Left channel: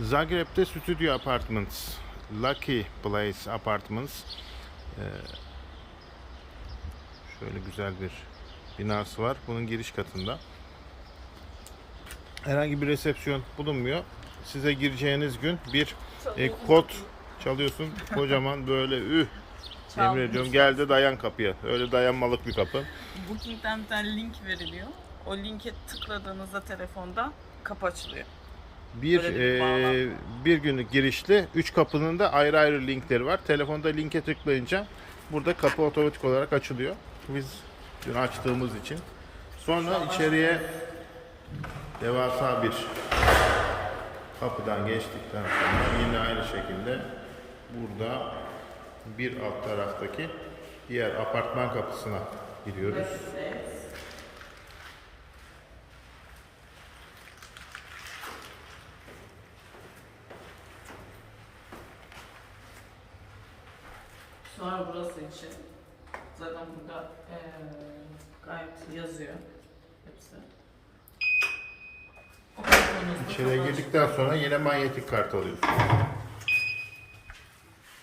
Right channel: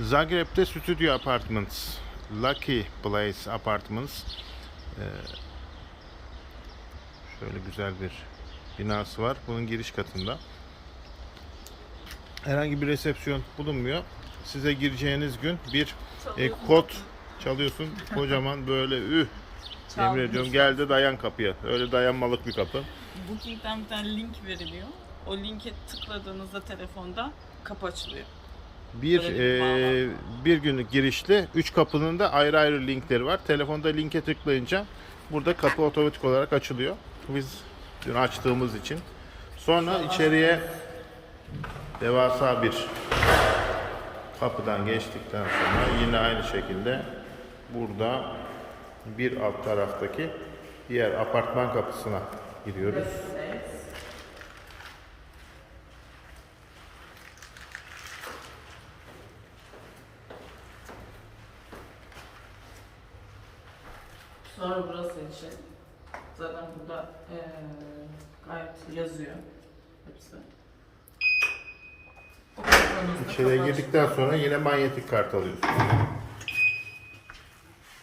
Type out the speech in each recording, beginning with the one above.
Zagreb'de Studio Apartments, Lucky Place Apartments. Ee, şöyle güzel bir binası var. Bunun giriş katında. Herhangi bir resepsiyon bulunmuyor. Size gireceğiniz gün bir e, kod çalıyorsun. Kocaman böyle üh. Yemin ediyorum gel de dayan kapıya. Öyle dayanmalık bir kapı. Booking'den bir tane link veriliyor. O linke tıkladığınızda telefonda kapı açılıyor. Bir e, bir günlük girişli. Üç kapının da ayrı ayrı linkleri var. Telefonda linke tıklayınca burada kapı otomatik olarak açılıyor. Biz dün açtığımız için. Sonra içeriye devasa bir kapıdan geçtikten sonra yine aynı şekilde burada bir alt taraftaki diğer apartman kapısına giriyoruz. Sonra burası için. Zaten burada eee gayet yazıyor hepsi. İçeriye girdikten sonra yine manyetik kart alıyorsun.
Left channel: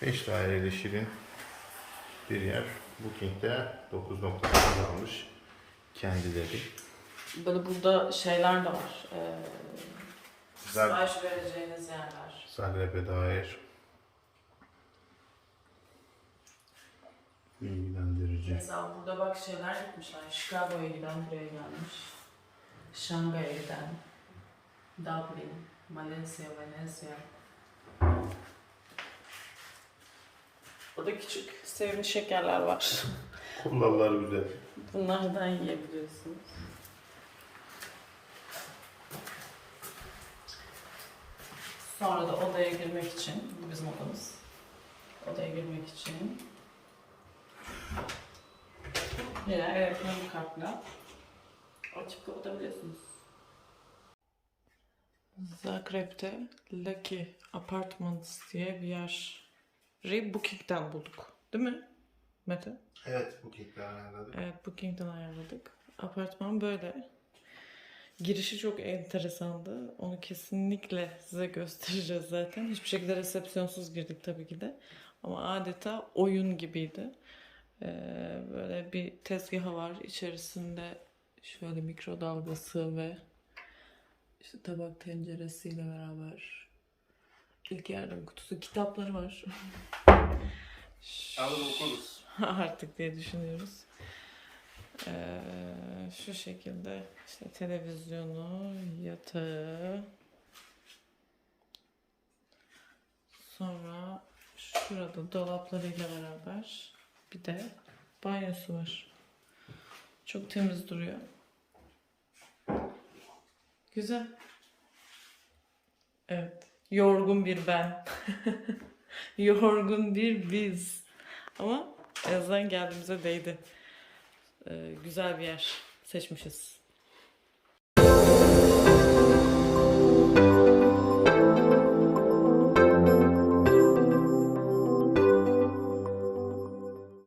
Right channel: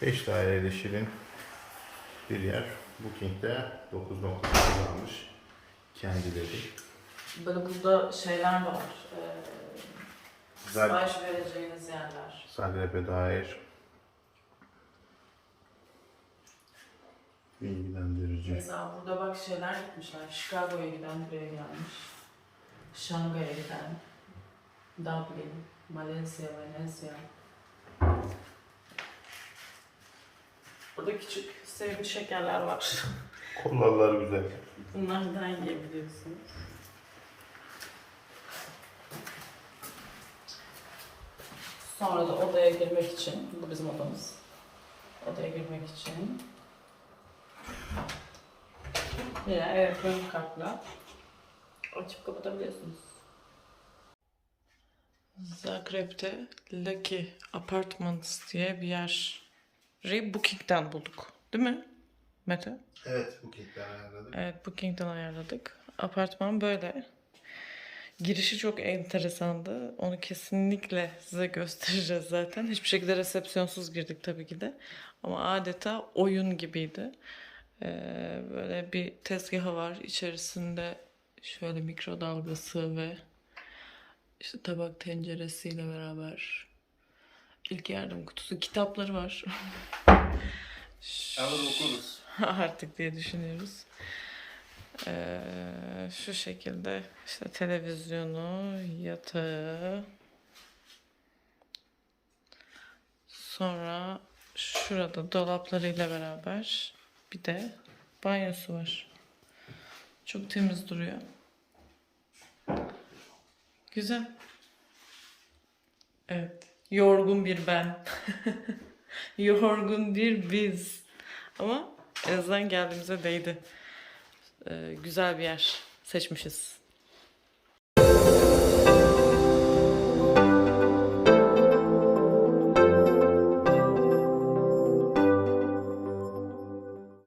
5 daireli şirin bir yer. Booking'de 9.9 almış kendileri. Böyle burada şeyler de var. Eee Zag- sipariş vereceğiniz yerler. Zagreb'e dair bilgilendirici. Mesela burada bak şeyler yapmışlar. Chicago'ya giden buraya gelmiş. Şangay'a giden. Dublin, Malezya, Venezia. Burada küçük sevimli şekerler var. Kollalar güzel. Bunlardan yiyebiliyorsunuz. Sonra da odaya girmek için, bu bizim odamız. Odaya girmek için yine elektronik kartla açıp kapatabiliyorsunuz. Zagreb'de Lucky Apartments diye bir yer. Booking'den bulduk. Değil mi Mete? Evet Booking'den ayarladık. Evet Booking'den ayarladık. Apartman böyle. Girişi çok enteresandı. Onu kesinlikle size göstereceğiz zaten. Hiçbir şekilde resepsiyonsuz girdik tabii ki de. Ama adeta oyun gibiydi. Ee, böyle bir tezgahı var. İçerisinde şöyle mikrodalgası ve işte tabak tenceresiyle beraber ilk yardım kutusu kitapları var. Ama okuruz. artık diye düşünüyoruz. Ee, şu şekilde işte televizyonu, yatağı, sonra şurada dolaplarıyla beraber bir de banyosu var. Çok temiz duruyor. Güzel. Evet. Yorgun bir ben. Yorgun bir biz. Ama en azından geldiğimize değdi. Ee, güzel bir yer seçmişiz.